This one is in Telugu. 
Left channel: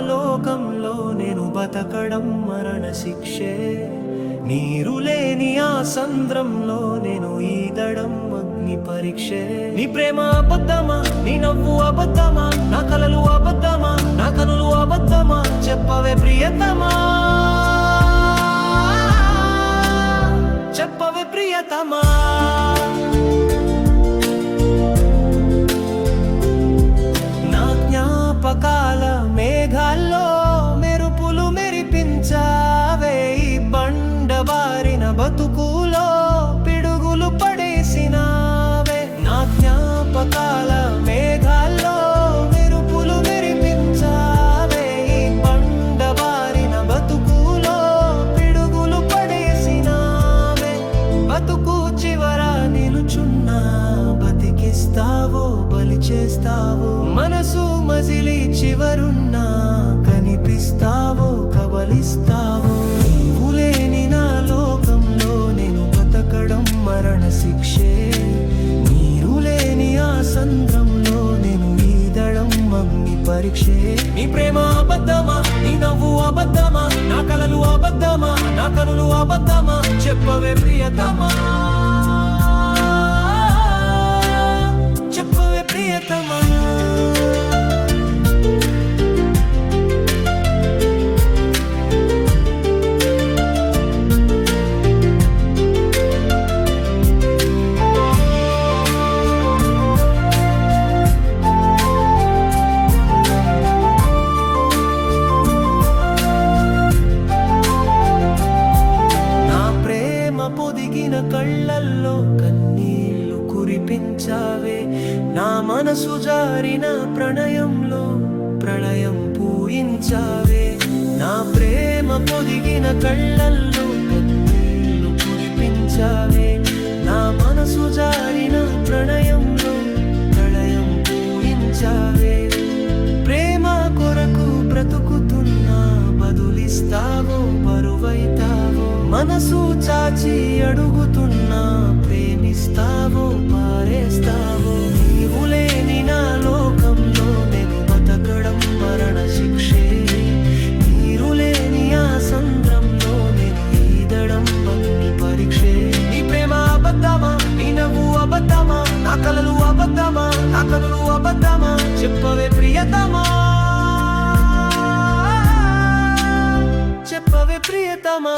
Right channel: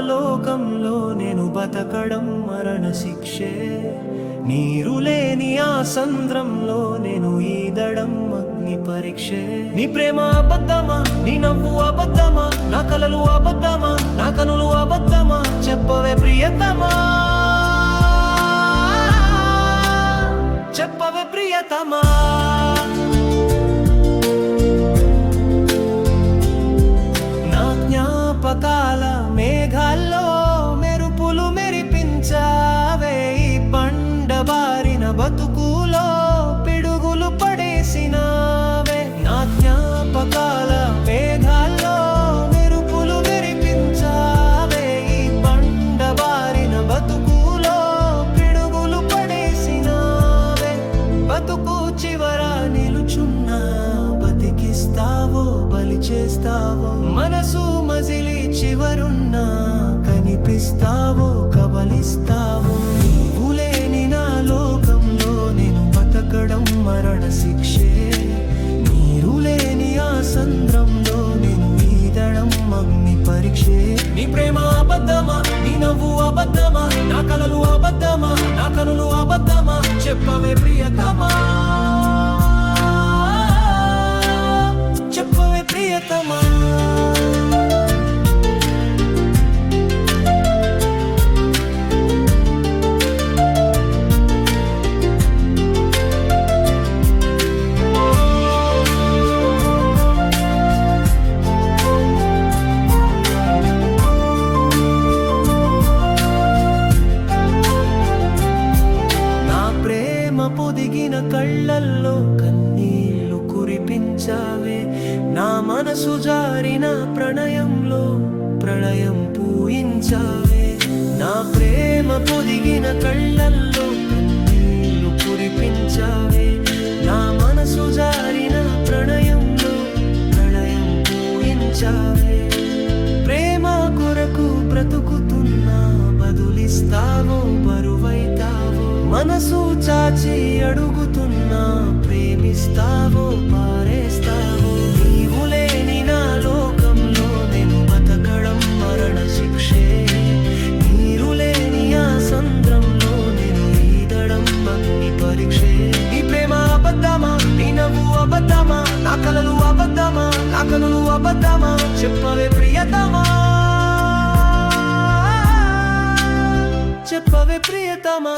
లోకంలో నేను బతకడం మరణ శిక్షే. నీరు లేని ఆ సంద్రంలో నేను ఈదడం అగ్ని పరీక్షే. నీ ప్రేమ అబద్ధమా, నీ నవ్వు అబద్ధమా, నా కలలు అబద్ధమా, నా కనులు అబద్ధమా, చెప్పవే ప్రియతమా, చెప్పవే ప్రియతమా. నా జ్ఞాపకాల మేఘాల్లో మెరుపులు మెరిపించావే. ఈ బండబారిన బతుకులో పిడుగులు పడేసినావే. నా జ్ఞాపకాల మేఘాల్లో మెరుపులు మెరిపించావే. ఈ బండబారిన బతుకులో పిడుగులు పడేసినావే. బతుకు చివర నిలుచున్నా బతికిస్తావో బలి చేస్తావో, మనసు మజిలి చివరున్నా కనిపిస్తావో కబలిస్తావో. నీవు లేని నా లోకంలో నేను బతకడం మరణ శిక్షే. నీరు లేని ఆ సంద్రంలో నేను ఈదడం అగ్ని పరీక్షే. నీ ప్రేమ అబద్ధమా, నీ నవ్వు అబద్ధమా, నా కలలు అబద్ధమా, నా కనులు అబద్ధమా, చెప్పవే ప్రియతమా, చెప్పవే ప్రియతమా. ప్రేమ పొదిగిన కళ్ళల్లో కన్నీళ్లు కురిపించావే. నా మనసు జారిన ప్రణయంలో ప్రళయం పూయించావే. నా ప్రేమ పొదిగిన కళ్ళల్లో కన్నీళ్లు కురిపించావే. నా మనసు జారిన ప్రణయంలో ప్రళయం పూయించావే. ప్రేమ కొరకు బ్రతుకుతున్నా బదులిస్తావో బరువైతావో, మనసు చాచి అడుగుతున్నా ప్రేమిస్తావో పారేస్తావో. నీవు లేని నా లోకంలో నేను బతకడం మరణ శిక్షే. నీరు లేని ఆ సంద్రంలో నేను ఈదడం అగ్ని పరీక్షే. నీ ప్రేమ అబద్ధమా, నీ నవ్వు అబద్ధమా, నా కలలు అబద్ధమా, నా కనులు అబద్ధమా, చెప్పవే ప్రియతమా, చెప్పవే ప్రియతమా.